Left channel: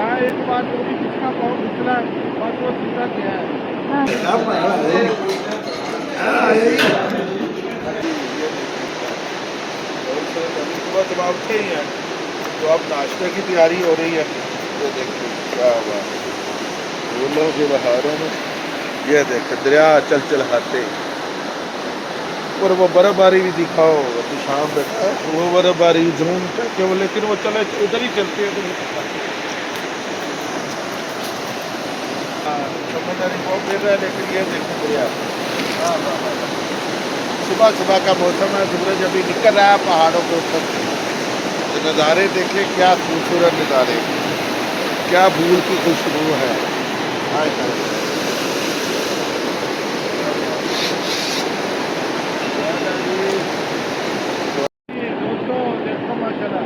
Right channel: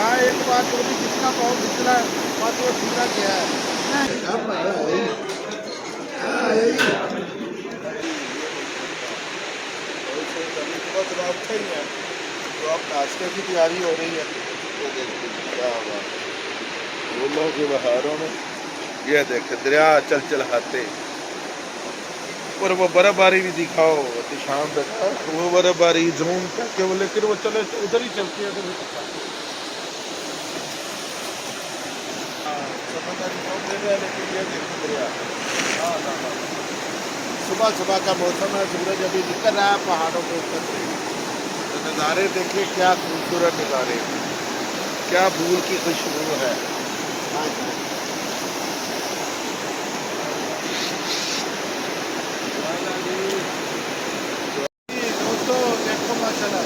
जहाँ एक बार जो भी जिसका पाँव फिसला बस वो सीधा गया है। हाँ सुबह सुबह उठे ही हैं तो अब नाश्ते की तैयारी हो रही है। ये देखिए क्या बात है बहारों में। ये देख दरिया चल चल हाथे और वो बर्फबारी भी दिखाओ अभी शाम तक वो बर्फबारी जून तक लेकिन वो चले उधर ही चलती है तो समझदारी बहुत दे रहा है लेकिन ये देखो दरिया। हाँ हाँ हाँ सुबह सुबह का मौसम है सूरज अभी निकल रहा है पहाड़ों के ऊपर से। नज़ारे देखिए क्या खूबसूरत नज़ारे क्या फूल की खुशबू है। हाँ दोस्तों देखो माशाल्लाह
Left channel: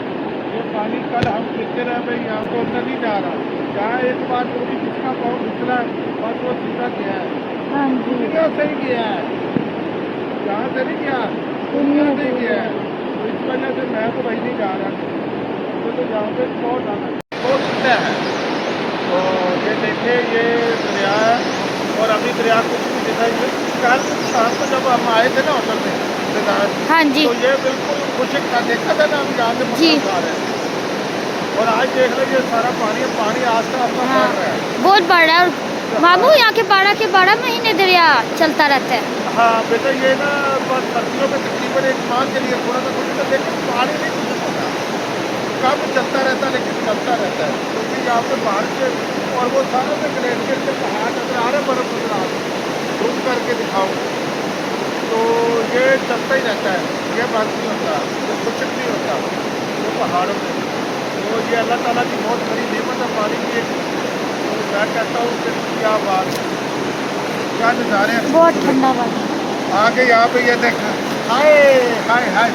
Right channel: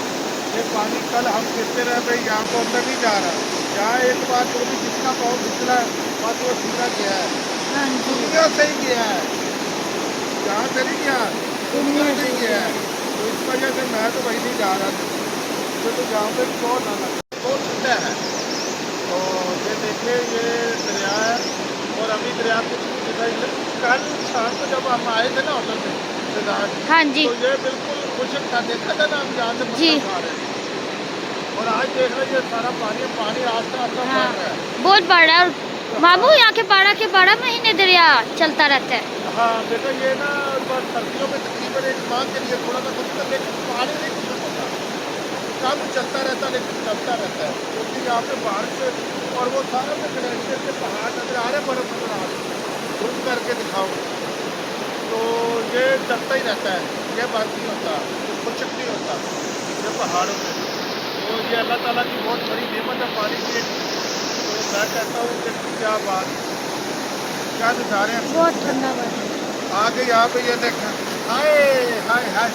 ये पानी कल हम गिरते रहे भाई यहाँ तो अंदर नहीं जा रहा। जहाँ एक बार जो भी जिसका पाँव फिसला बस वो सीधा गया है। हाँ जी दुनिया से ही गया है जहाँ से नहीं गया दुनिया से ही गया है। तो इस वजह से मैं तो भाई नहीं जा रहा मुझे तो जहाँ पे बहुत आना बहुत ठंडा है। तो ये देखिए ये दरिया है और अभी दरिया कुछ भी दिखाई कल शाम को जब हम आए थे ना होटल में हाँ जी तो ये बिल्कुल खुशक था देखा था ना हम जहाँ से पत्थर खा रहे हैं और आज देख लीजिए सारा पानी आस्ता आस्ता हाँ, बढ़ रहा है। बहुत बड़ा है बाबू। यहाँ के 12 महीने दरिया चलता रहता है। हाँ बेटा ये ना बस सर्दियों में तकरीबन एक माह के लिए थोड़ा सा कुछ लेकिन पानी नहीं कुछ होता कम चलता रहता लेकिन चलता रहता है क्योंकि यहाँ पे बारिश और वो सारा में ग्लेशियर के पहाड़ नजर आ रहा बर्फ नजर आ रहा घूम करके दिखाऊँ तो ये चलता ही रहता है ये बात नहीं होता ये खुशक नहीं होता ये पहाड़ों में। तो ये अल्लाह ताला की बहुत बड़ी नेमत है पानी की। तो मैं कहता हूँ कि क्या बात क्या नज़ारे हैं बहुत ठंडा पानी। आगे यहाँ पे ये देखा हाय हाय हाय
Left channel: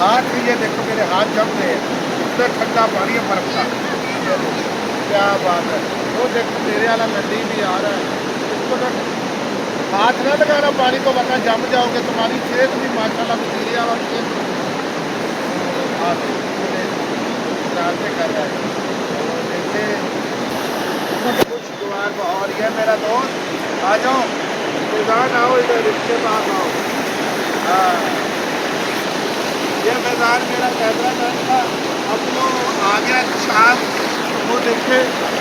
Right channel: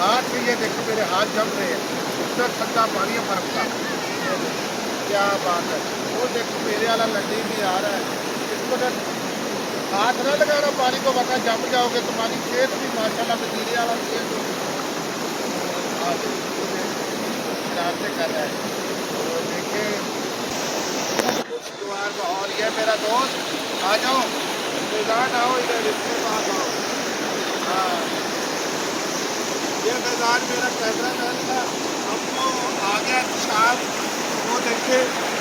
हाथ ये देखो मेरे हाथ जम रहे हैं इतना ठंडा पानी है बर्फ का। ये देखो क्या बात है वो देखो मेरे वाला नदी भी आ रहा है इसको तो हाथ ना लगाना पानी को वरना जम जाओगे तुम्हारी सेहत भी माशाल्लाह मेरे वाला सेहत कर रहे हैं और देखे कुछ द्वार और ये मेरा दोस्त आ जाओ मैदान आओ इधर इसके पास आओ। हाँ ये मैदान मेरा कैमरा मैन था अब वो आ गया शाम तो वो देखे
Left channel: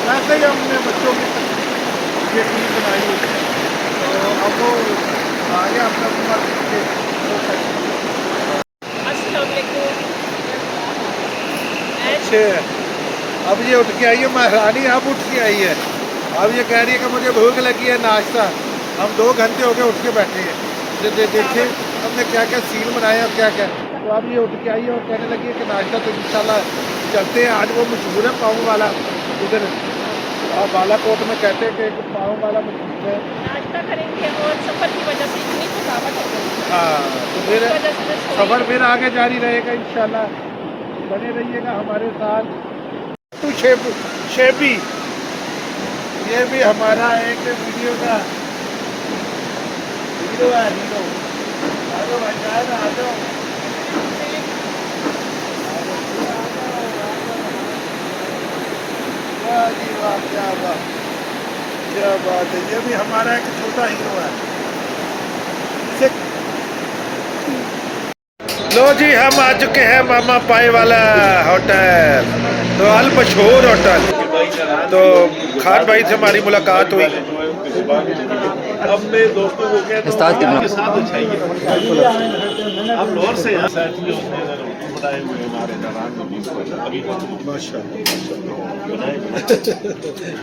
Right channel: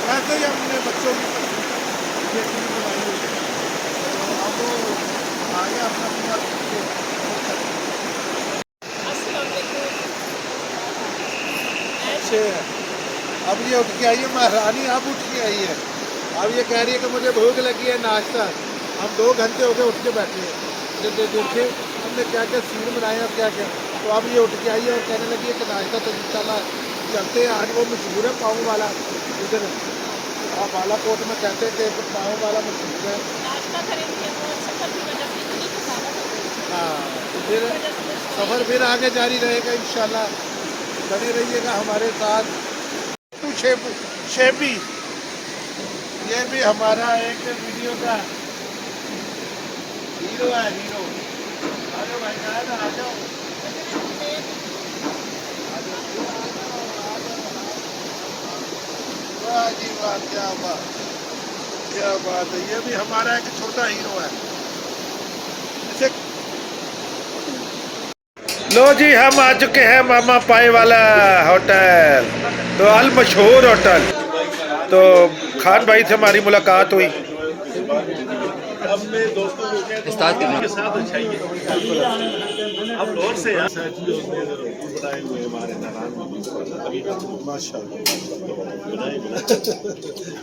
वैसे ही हमने बच्चों की ये टीम बनाई हुई है तो अब वो आ गया अपना पूरा अच्छे अब ये उठ के आई है महारानी अब उठ के आई है। अब ये कह रही है कि मुझे भूख लगी है नाश्ता। हम 2 घंटे हो गए उठ के बैठे हैं देखिए हमने क्या क्या सीन बनाए और क्या क्या। तो अब ये उठ के आई है और कहने लगी है कि नाश्ता तो इंशाल्लाह चलते हैं आज वो मशहूर है पाँव वाला इधर बालाकोट में कहते हैं कि पाँव वाला मशहूर है। नाश्ता करेंगे और सफर की वजह से इतनी थकावट हो गई। हाँ तो फिर सफ़र फिर आगे जारी रहेगा इंशाल्लाह बने रहिएगा हमारे साथ। शेबी ये भी हमारा एक वीडियो का हीरो है हीरो। आ जाओ भाई साहब आ जाओ वाह जी वाह क्या बात है। ये भी हमारा एक छोटा हीरो है। इसे लो जी हम आ चुके हैं मामा पाए वाला होटल तो अल मशहूर होटल। तो खान भाई से हमारी मुलाकात हुई। अब मैं दोस्तों को कहता हूँ के साथ अच्छाइए हम लोर से हैं साथ में उसने रोटी बनाए हुए हमारे जवान अभी माशाल्लाह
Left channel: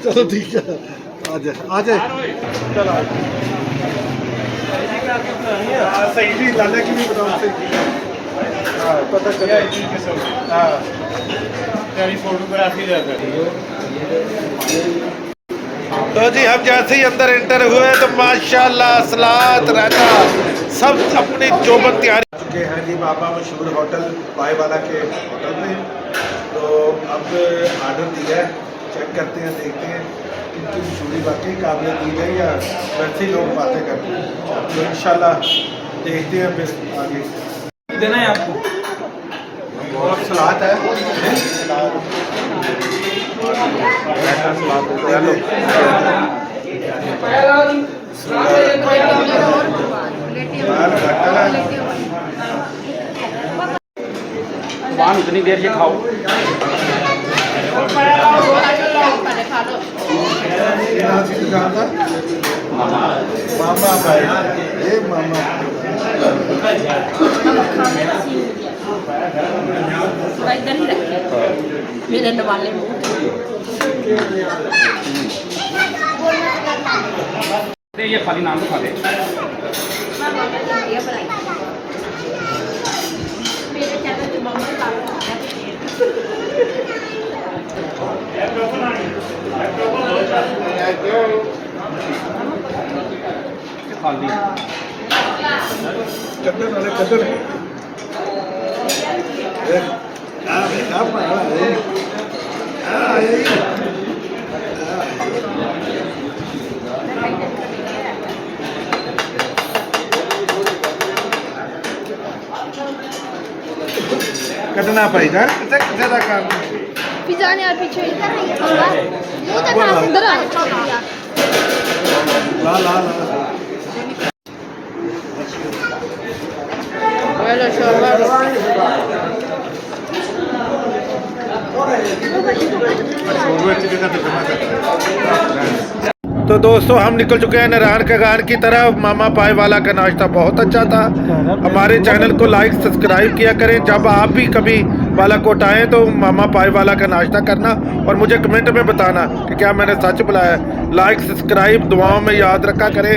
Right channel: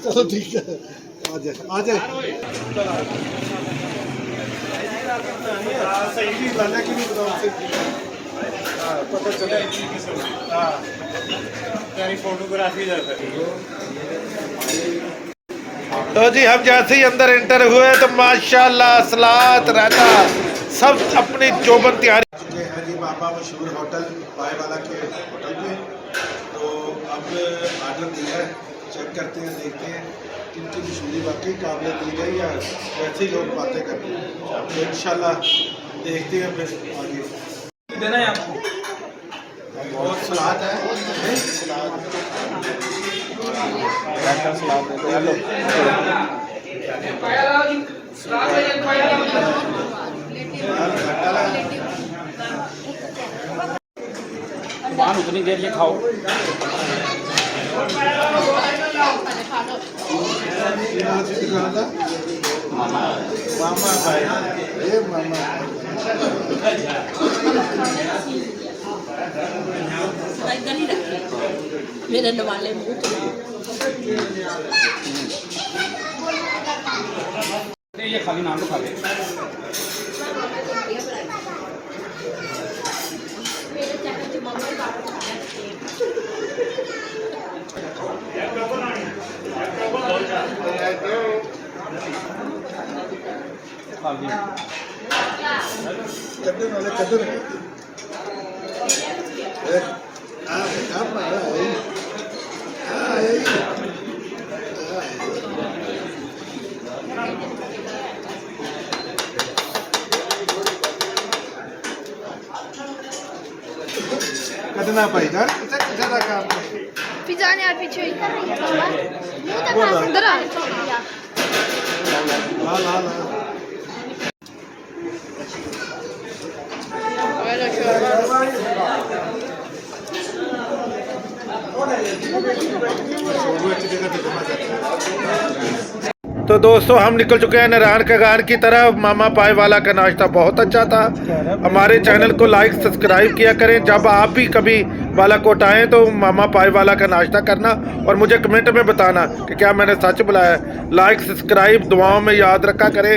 चलो ठीक है आ जाए चलो सही लाने की भी बताओ सही हाँ पता चला हाँ फोटोग्राफी तो जी हम जैसे ही अंदर एंटर हुए तो माशाल्लाह सलात रहता सब अपनी चौबन तैयारी चुके हैं जी बाबा मशहूर होटल पाए वाला के होटल में। तो अब आर्डर दिया है चेक करते हैं देखते हैं किनकी मशहूरी वाकई काबिल दी जाए या वैसे ही लोग बातें करते हैं। तो इंशाल्लाह देखते हैं फिर आगे देना है आपको और सलाद है सलाद पान उतनी देर से खाओ। मामा भाई ये मामा इधर ही रखे मेरे नवाले मुंह ये खाली नाम तो खा दे। मेरे चैनल पे मम्मी खाली कद्दू वाले कद्दू कदना भाई जान किसे का काम जाने यार पीछे अंदर आ ला ला ला तो दोस्तों हम निकल चुके हैं नारायण कगान की तरफ। मामा पाए वाला का नाश्ता बहुत अच्छा था। हमारे चैनल को लाइक सब्सक्राइब किया करें। जब आप भी कभी बालाकोट आएँ तो मामा पाए वाला का नाश्ता करना और मुझे कमेंट में बताना कि क्या मैंने सच बुलाया। लाइक सब्सक्राइब दुआओं में याद रखा करें।